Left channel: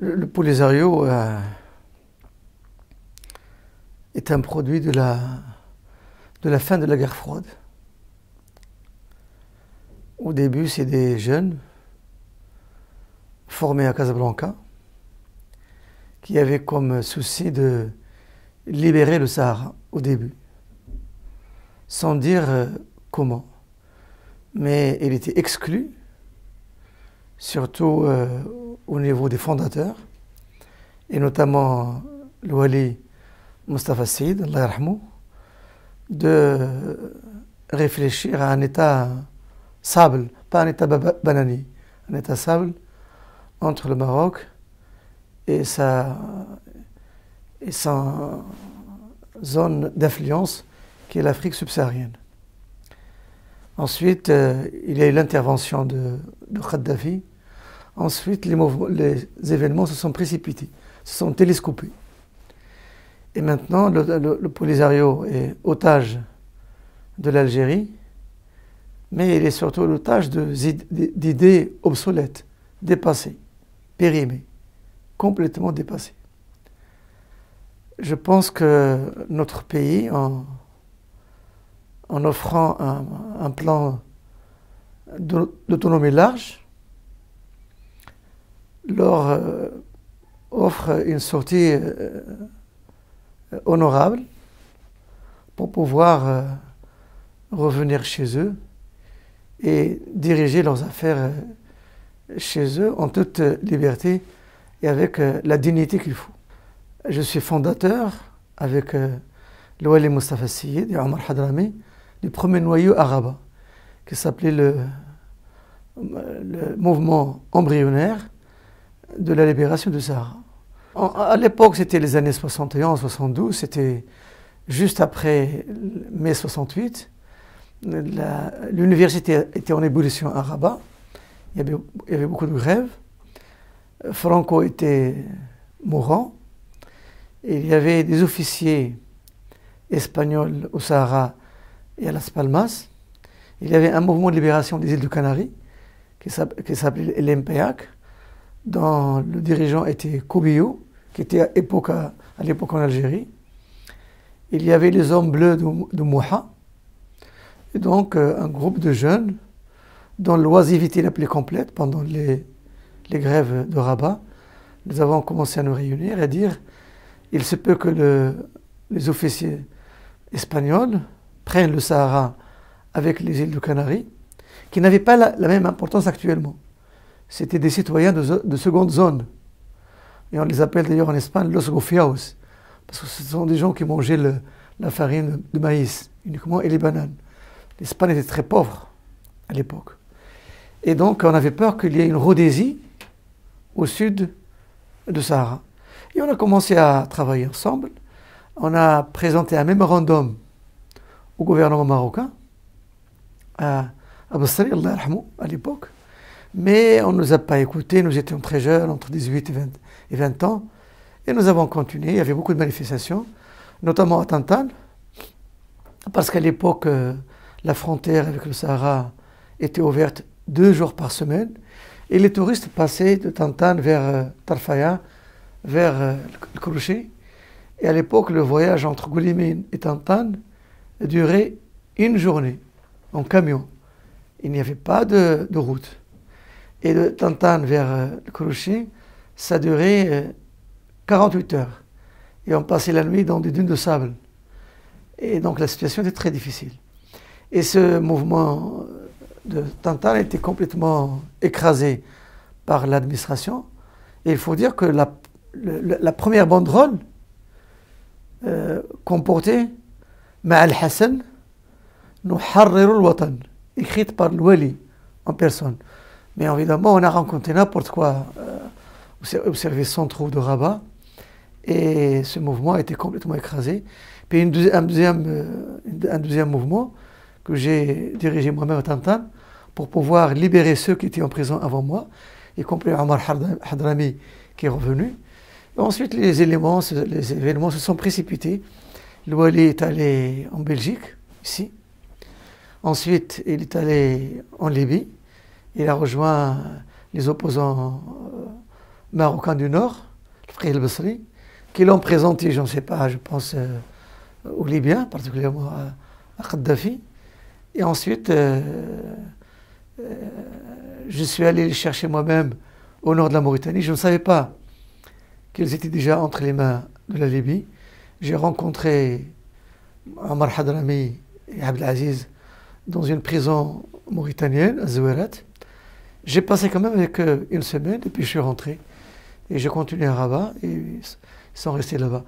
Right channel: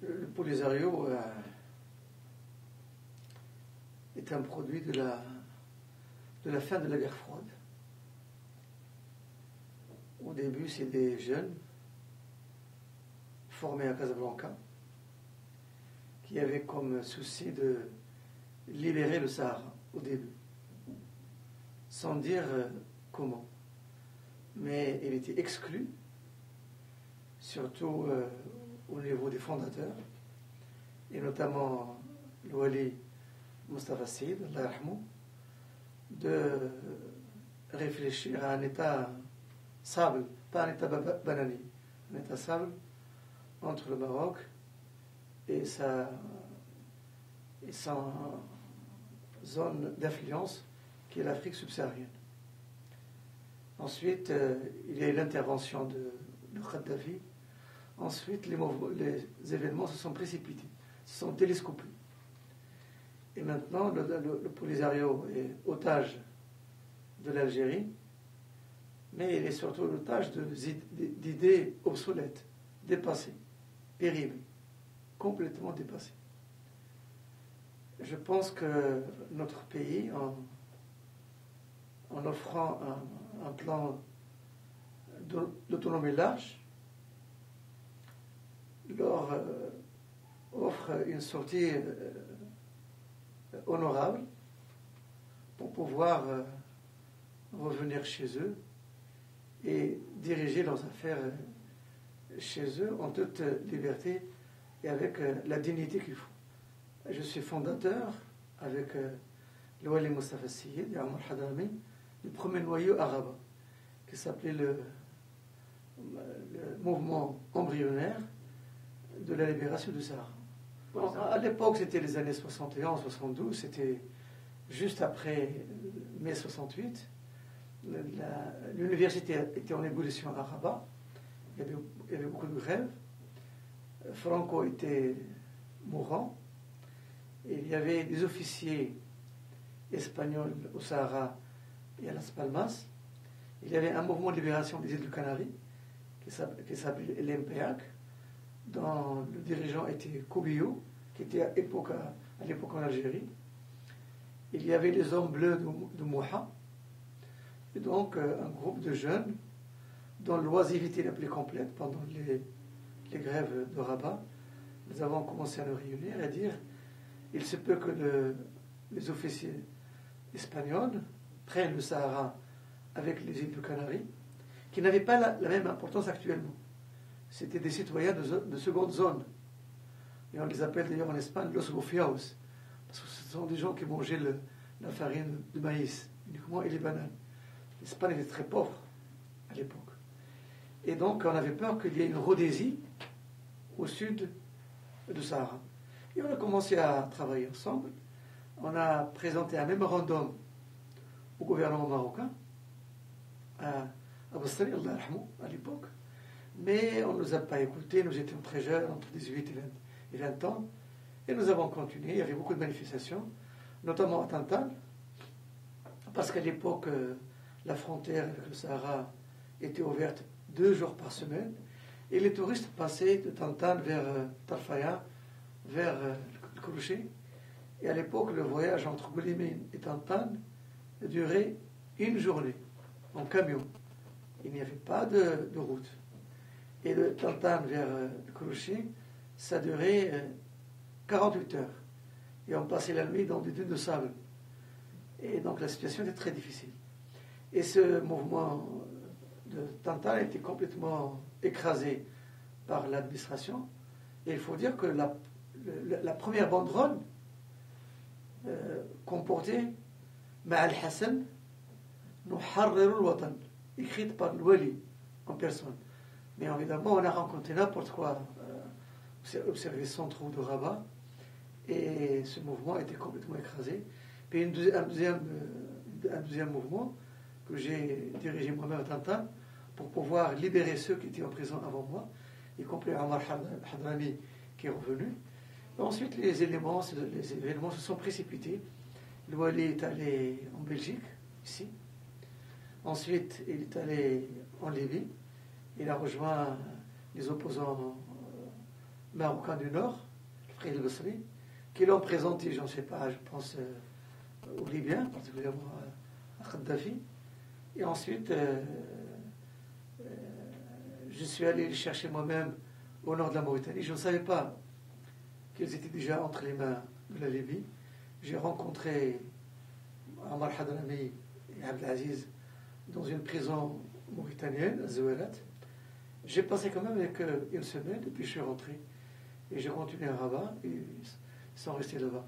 Le Polisario est un produit de la fin de la guerre froide. Au début, c'est des jeunes formés à Casablanca qui avaient comme souci de libérer le Sahara au début, sans dire comment. Mais il était exclu, surtout au niveau des fondateurs, et notamment le Wali Mustafa Saïd, Allah yarhamou, de réfléchir à un état sable, pas un état banani, un état sable entre le Maroc et sa zone d'influence qui est l'Afrique subsaharienne. Ensuite, il y a eu l'intervention de Kadhafi. Ensuite, les événements se sont précipités, se sont télescopés. Et maintenant, le Polisario est otage de l'Algérie, mais il est surtout l'otage d'idées obsolètes, dépassées, périmées, complètement dépassées. Je pense que notre pays, en offrant un plan d'autonomie large, leur offre une sortie honorable pour pouvoir revenir chez eux et diriger leurs affaires chez eux en toute liberté et avec la dignité qu'il faut. Je suis fondateur avec le Wali Mustafa Saïd et Omar Hadrami du premier noyau arabe qui s'appelait le mouvement embryonnaire de la libération du Sahara. À l'époque, c'était les années 71-72, c'était juste après mai 68. L'université était en ébullition à Rabat, il y avait beaucoup de grèves. Franco était mourant. Et il y avait des officiers espagnols au Sahara et à Las Palmas. Il y avait un mouvement de libération des îles de Canaries qui s'appelait l'MPAC, dont le dirigeant était Cobillo, qui était à l'époque en Algérie. Il y avait les Hommes Bleus de Mouha, et donc un groupe de jeunes dont l'oisiveté la plus complète pendant les grèves de Rabat. Nous avons commencé à nous réunir et à dire il se peut que les officiers espagnols prennent le Sahara avec les îles de Canaries, qui n'avaient pas la même importance actuellement. C'était des citoyens de seconde zone. Et on les appelle d'ailleurs en Espagne los gofiaos, parce que ce sont des gens qui mangeaient la farine de maïs uniquement et les bananes. L'Espagne était très pauvre à l'époque. Et donc on avait peur qu'il y ait une Rhodésie au sud du Sahara. Et on a commencé à travailler ensemble. On a présenté un mémorandum au gouvernement marocain, à Bastari, Allah yarhamou, à l'époque. Mais on ne nous a pas écoutés, nous étions très jeunes, entre 18 et 20 ans. Et nous avons continué, il y avait beaucoup de manifestations, notamment à Tantan, parce qu'à l'époque, la frontière avec le Sahara était ouverte 2 jours par semaine. Et les touristes passaient de Tantan vers Tarfaya, vers le Crochet. Et à l'époque, le voyage entre Goulimine et Tantan durait 1 journée en camion. Il n'y avait pas de route. Et de Tantan vers le Crochet, ça durait 48 heures. Et on passait la nuit dans des dunes de sable. Et donc la situation était très difficile. Et ce mouvement de Tantan était complètement écrasé par l'administration. Et il faut dire que la première banderole comportait Ma'al Hassan, nous harrirul watan, écrite par l'Wali en personne. Mais évidemment, on a rencontré n'importe quoi au service central de Rabat. Et ce mouvement a été complètement écrasé. Puis un deuxième mouvement que j'ai dirigé moi-même à Tantan pour pouvoir libérer ceux qui étaient en prison avant moi, y compris Omar Hadrami qui est revenu. Et ensuite, les événements se sont précipités. Le Wali est allé en Belgique, ici. Ensuite, il est allé en Libye. Il a rejoint les opposants marocains du Nord, le Frère El-Basri, qui l'ont présenté, je ne sais pas, je pense, aux Libyens, particulièrement à Kadhafi. Et ensuite, je suis allé les chercher moi-même au nord de la Mauritanie. Je ne savais pas qu'ils étaient déjà entre les mains de la Libye. J'ai rencontré Omar Hadrami et Abdelaziz dans une prison mauritanienne, à Zouérat. J'ai passé quand même avec eux une semaine et puis je suis rentré. Et j'ai continué à Rabat et ils sont restés là-bas.